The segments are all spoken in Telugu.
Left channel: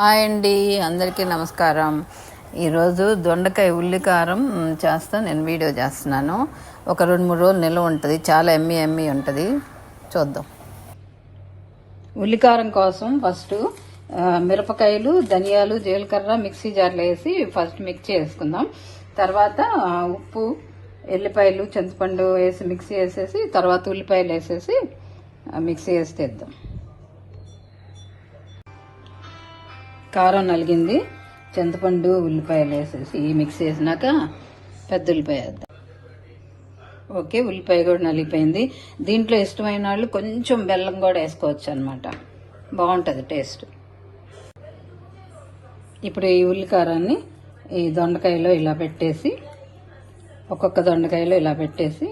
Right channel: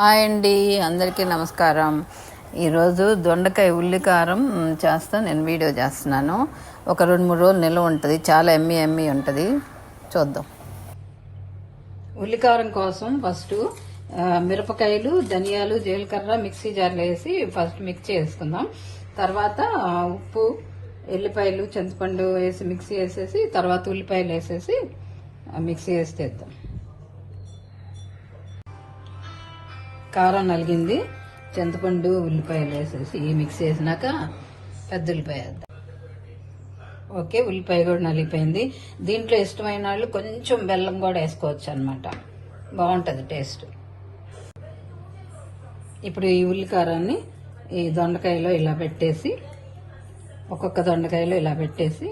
హాయ్ అండి అందరికీ నమస్కారం. ఈరోజు దొండకాయ ఉల్లికారం చేస్తా నేను వీడియో చేస్తున్నాను. ఒక రెండు మూడు రోజులు నిల్వ ఉంటుంది చాలా ఎమ్మి ఎమ్మి ఉంటుంది. చూద్దాం. ఉల్లికారం కోసం ఫస్ట్ మిరపకాయలు ధనియాలు జీలకర్ర మిక్సీ జార్లో వేసి ఫస్ట్ మిక్స్ చేసుకుందాం. తర్వాత ఉప్పు ఎల్లిపాయలు చింతపండు వేసి మిక్సీ వేసేసి తర్వాత ఉల్లిపాయలు వేసేసి మిక్సీ వేసి తెద్దాం. కారం నలిగింది. చింతపండు ఉల్లిపాయలు వేసేసి ఈ మిక్స్ చేసినాక పెద్ద ఉల్లిపాయ వేద్దాం. ఓకే ఉల్లిపాయ కూడా నలిగిపోయింది. దీంట్లో ఇష్టమైన వాళ్ళు కొంచెం బెల్లం కూడా వేసుకోవచ్చు అనమాట బాగుంటుంది టేస్ట్. ఇప్పుడు ఈ ఉల్లికారాన్ని ఈ దొండకాయలో ఇలా పెట్టేసి ఒక్కొక్క దొండకాయలో ఇలా పెట్టేసి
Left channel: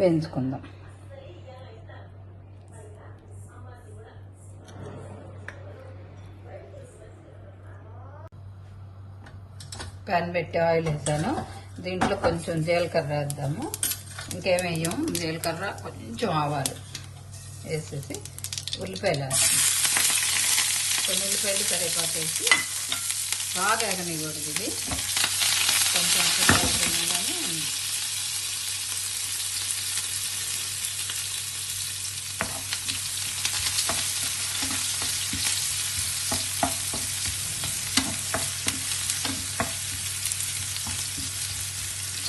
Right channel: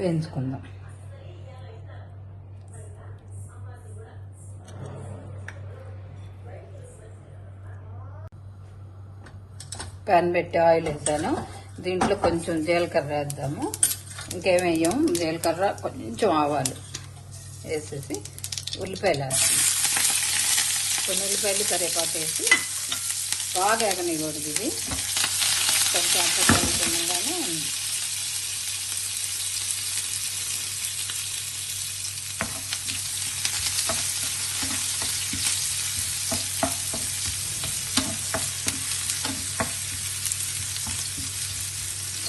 వేయించుకుందాం. ప్యాన్ పెట్టి ఆయిల్ ఇద్దాను దీంట్లో కొంచెం జీలకర్ర వేద్దాము. ఇంకేం వేయము జీలకర్ర కొంచెం ఆవాలి వేసేసి ఉల్లిపాయలు ఉల్లిపాయలు కరివేపాకు వేసి బాగా ఎగనివ్వదు ఇది. కొంచెం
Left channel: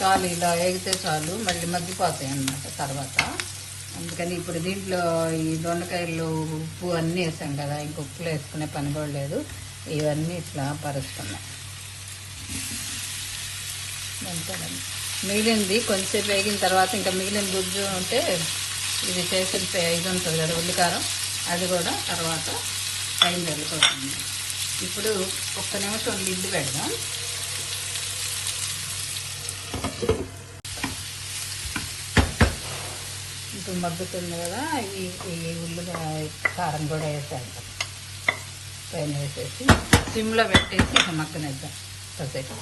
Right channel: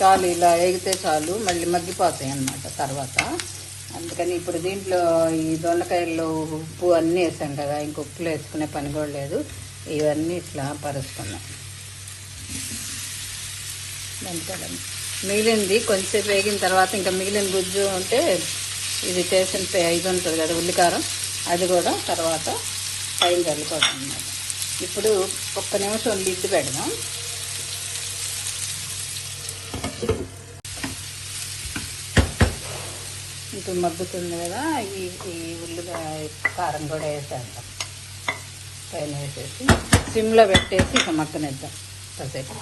చాలు ఇలా వేగితే చాలు మళ్ళీ మగ్గిపోతాయి అన్నమాట తర్వాత. అందుకని ఇప్పుడు దీంట్లో ఈ దొండకాయలు ఉప్పు అన్నీ వేసాం కదా ఇంక ఉప్పులు వేసుకునే పని కూడా లేదు. ఇవన్నీ ఇట్లా పరుస్తున్నాం. మిగిలింది కొంచెం వేగిన తర్వాత ఇంకా మిగిలిన గుజ్జు ఉంటే ఇది చేసిన ఇది ఉంటుంది కదా ఉల్లికారం అది కూడా తర్వాత పైన జరిగిపోతుంది ఇప్పుడు ఒక్క నిమిషం లిడ్డు కడిగా మగ్గుతుంది కదా ఈ ఈ ఉల్లిగా కారం కూడా వేసాను పైన వేసేసి సిమ్లో పెట్టేసి ఇక మగ్గనిద్దాం కాసేపు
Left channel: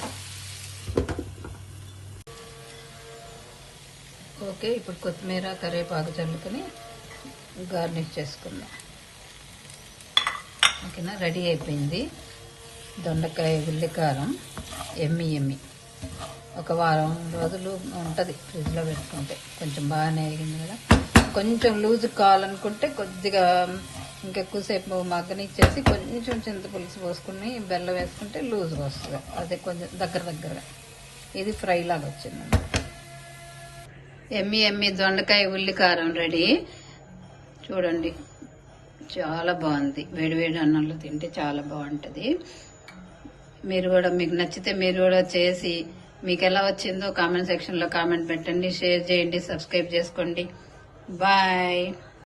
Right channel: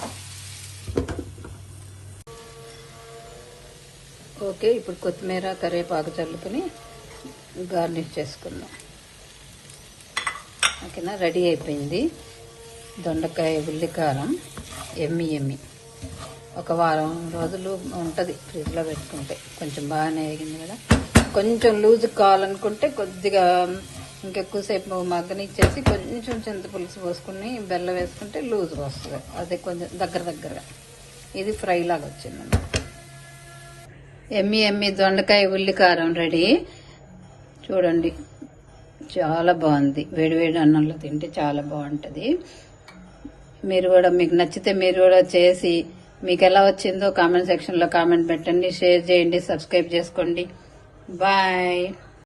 ఓకే ఇప్పుడు కొత్తిమీర కరివేపాకు చల్లుకుని గార్నిష్ చేసుకుందాం. ఓకేనా? రెడీ అయిపోయింది. దొండకాయ ఉల్లికారం ఎమ్మి ఎమ్మి. ఒక వారం రోజులు ఉంటుంది ఫ్రిడ్జ్లో పెట్టుకుంటే. కొంచెం బాగానే వేగింది కదా. కొంచెం లూజ్ కావాలనుకుంటే కొద్దిగా ఇంకెక్కువసేపు మగ్గనిచ్చేసి కొంచెం చింతపులుసు పోసుకుని బెల్లం వేసుకుంటే లూజ్ వస్తుంది. అది కొంచెం దగ్గర దగ్గర. ఇది ఫ్రై లాగా వచ్చింది. ఎమ్మి ఎమ్మి దొండకాయ ఉల్లికారం రెడీ. చూడండి చాలా బాగుంది. వేడివేడి అన్నంలో తింటే చాలా బాగుంటుంది. మీరు కూడా మీకు నచ్చితే మీరు కూడా చేసి మీకు ఎలా వచ్చిందో కామెంట్ సెక్షన్లో కామెంట్ పెట్టండి షేర్ చేయండి సబ్స్క్రైబ్ చేసుకోండి. Bye.